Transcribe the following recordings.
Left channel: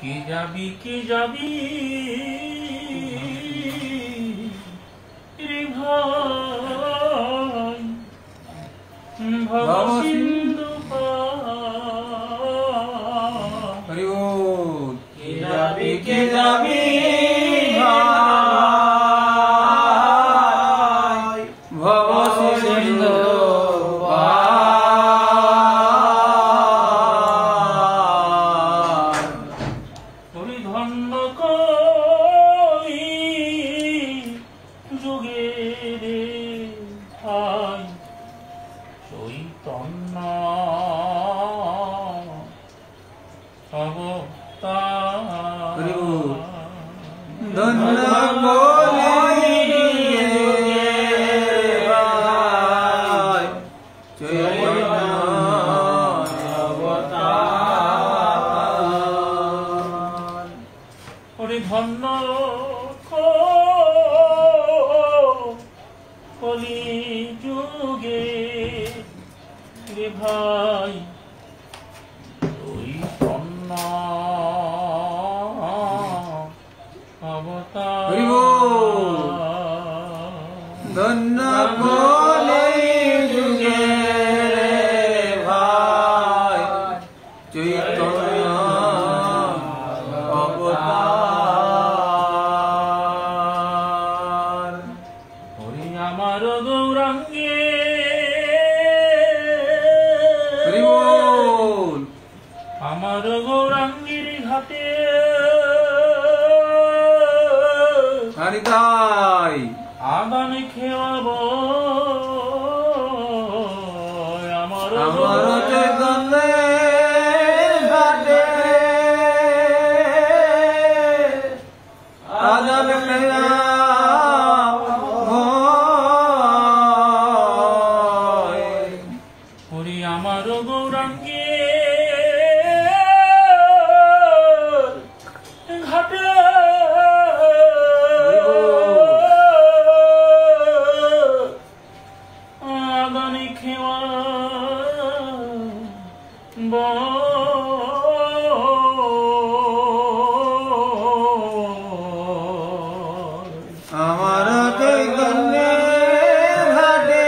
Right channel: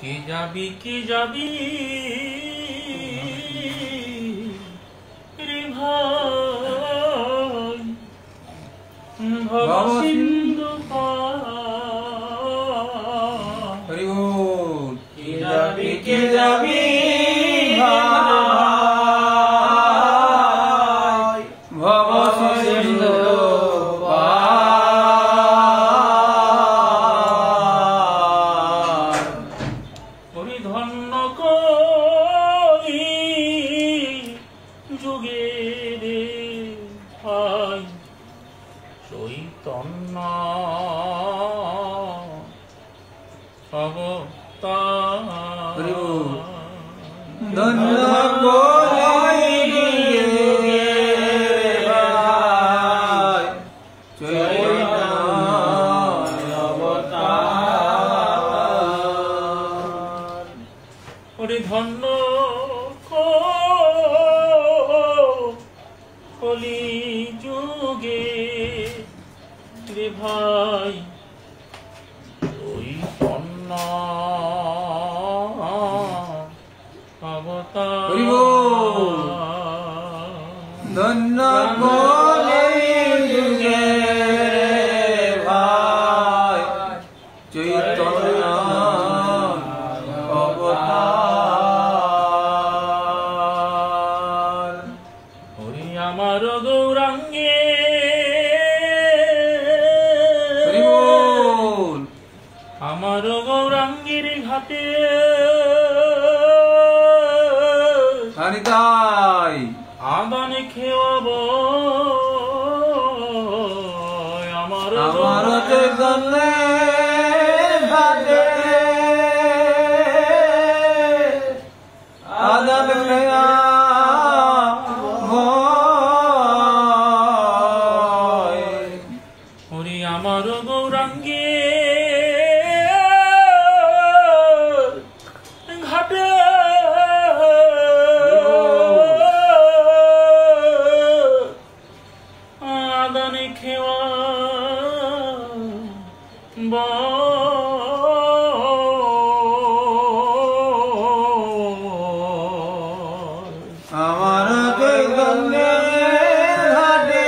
কে যাবি রে ভাই ভব সিন্ধু পার। কে যাবি ভাই ভব সিন্ধু পার। ধন্য কই যুগে রে ভাই চৈতন্য অবতার। ধন্য কলি যুগে ভাই চৈতন্য অবতার। ওরে ধন্য কলি যুগে রে ভাই চৈতন্য অবতার। ধন্য কলি যুগে ভাই চৈতন্য অবতার। হরি আমার গৌরাঙ্গে আমার গৌরাঙ্গের ঘাটে হারিতাই আদান খেয়াব আমার চৈতন্যের ঘাটে আদান খেয়া হরি আমার গৌরাঙ্গে ঘাটে আদানি খেওয়া আমার চৈতন্যের ঘাটে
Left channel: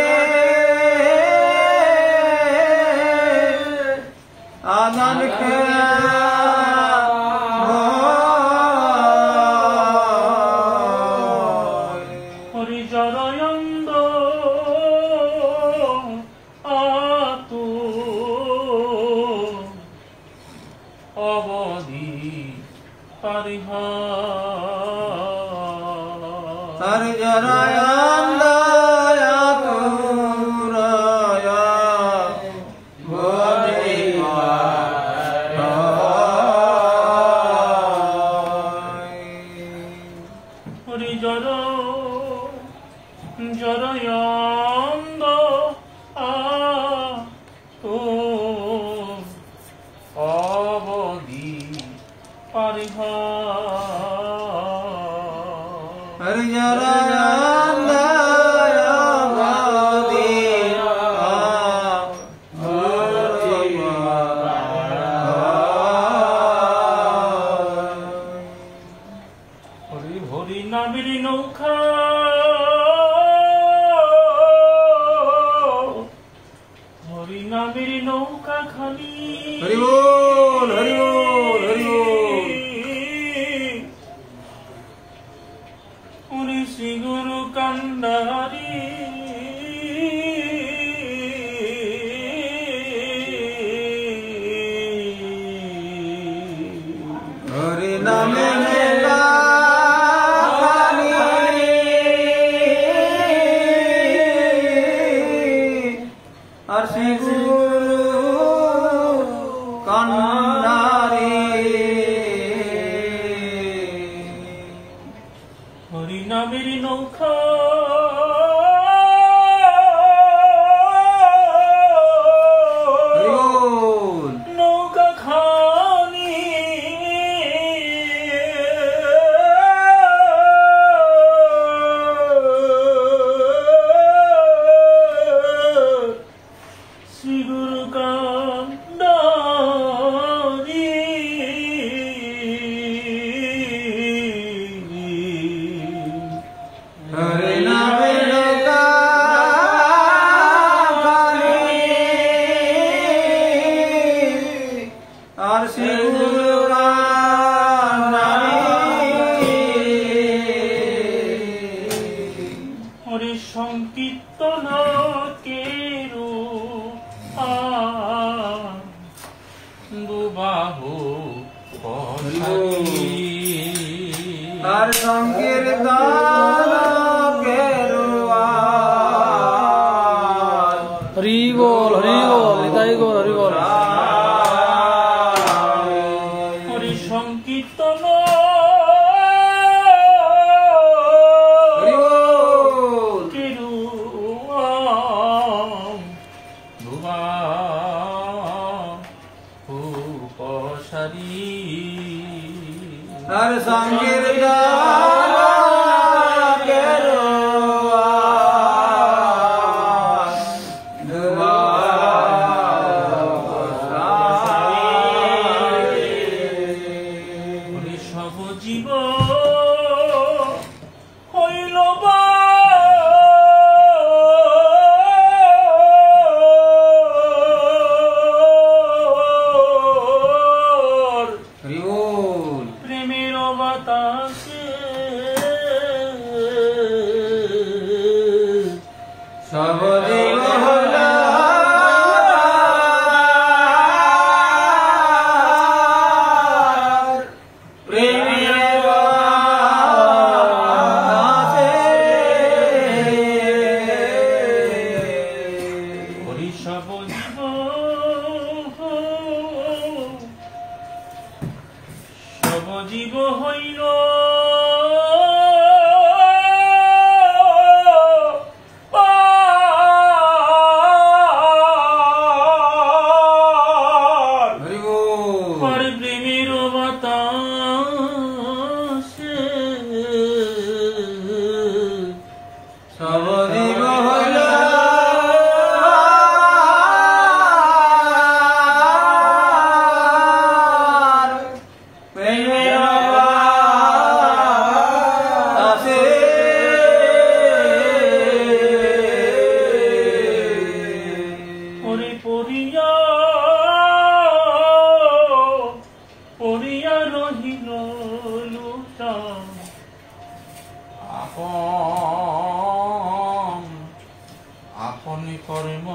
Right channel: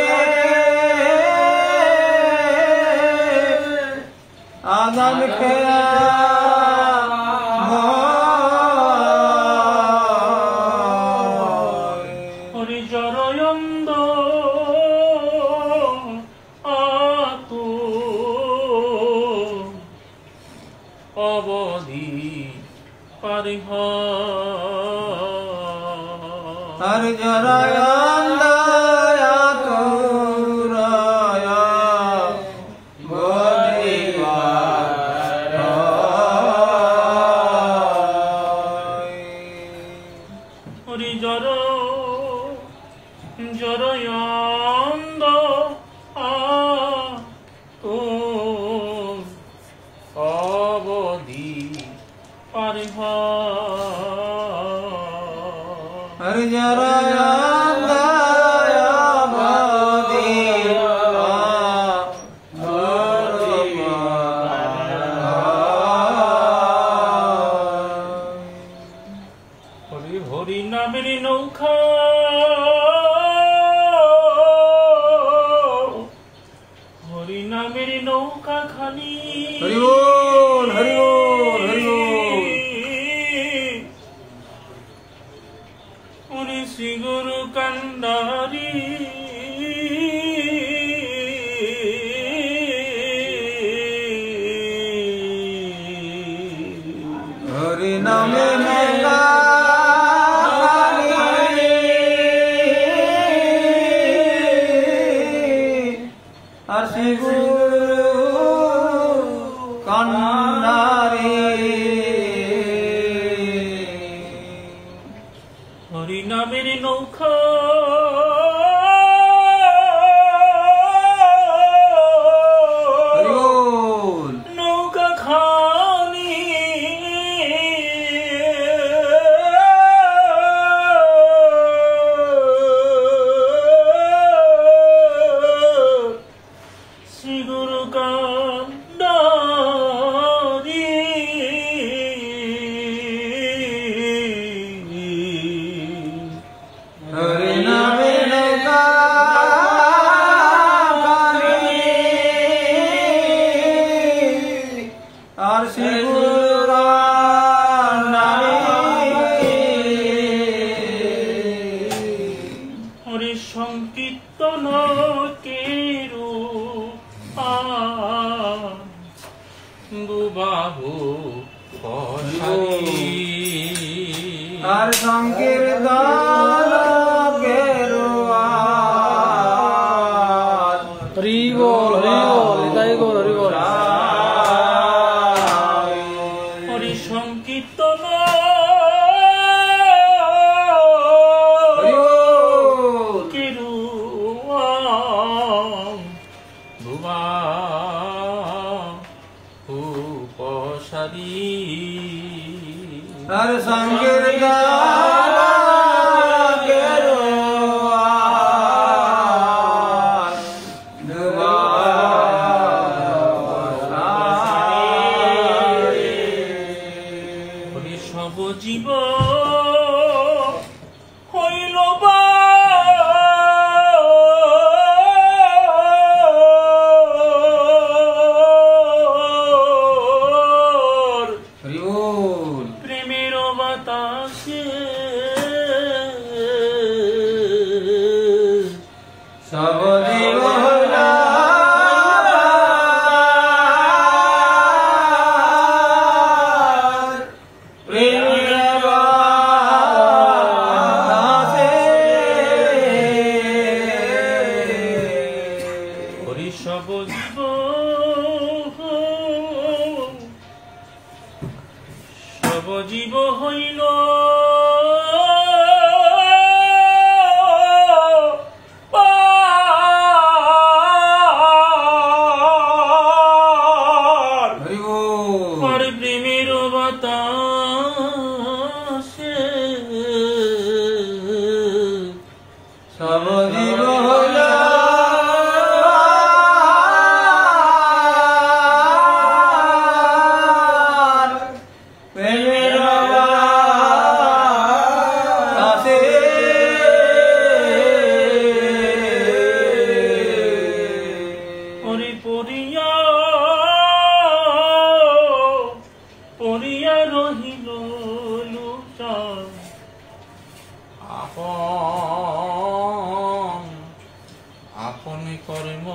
আদান খেলা হরি জরয়ন্দ আতু অবধি পারিহ হরি জরয়ন্দ জরয়ন্দ অবধি পারিহ হরি জরয়ন্দ অবধি হরি হরি নামের নৌকা হরি নামের নৌকা খালি হরি বল হরি বল হরি বল উনি শ্রী গুরু কান্ডারি হরি নামে নৌকা খালি আর শ্রী গুরু কান্ডারি হরি নামের নৌকা নৌকা খানি শ্রী গুরু কান্ডারি হরি সংকীর্তন কেরু দুবাহু আর সংকীর্তন কেরুয়ান হরি বল নিতাই গৌর হরি বল হরি সংকীর্তন কেরু দুবাহু পসারি আর সংকীর্তন কেরুয়ান হরি সব জীব হইল প্রেমের বাতাসে সব জীব হইল প্রেমের বাতাসে হরি সব জীব সব জীব হইল প্রেমের বাতাসে সব জীব হইল প্রেমের বাতাসে হরি পরিয়া রহিল লোচন আপনি কর্ম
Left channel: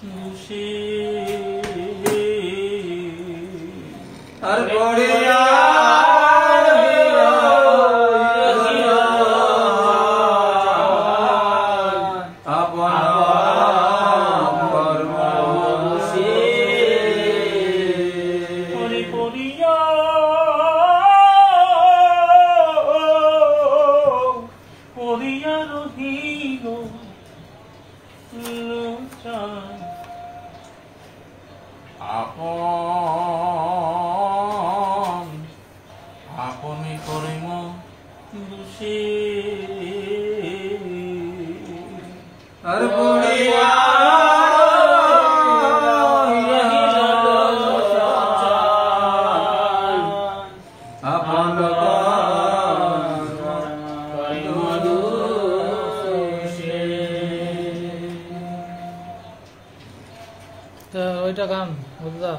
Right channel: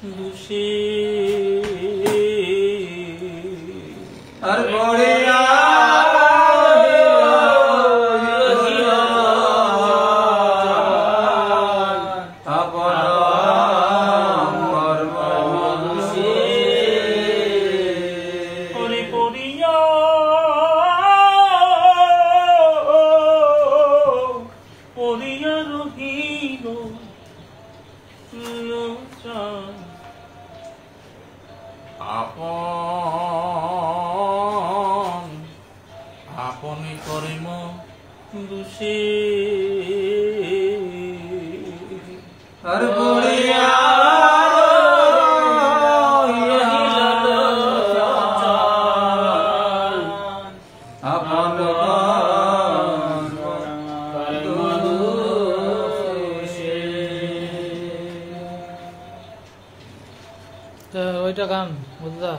দোষে আর পড়িয়া আপন কর্ম হরি পরিয়া রহিল লোচন আপনি কর্ম দোষে আর পড়িয়া আপন ওইটা গান বুঝলা।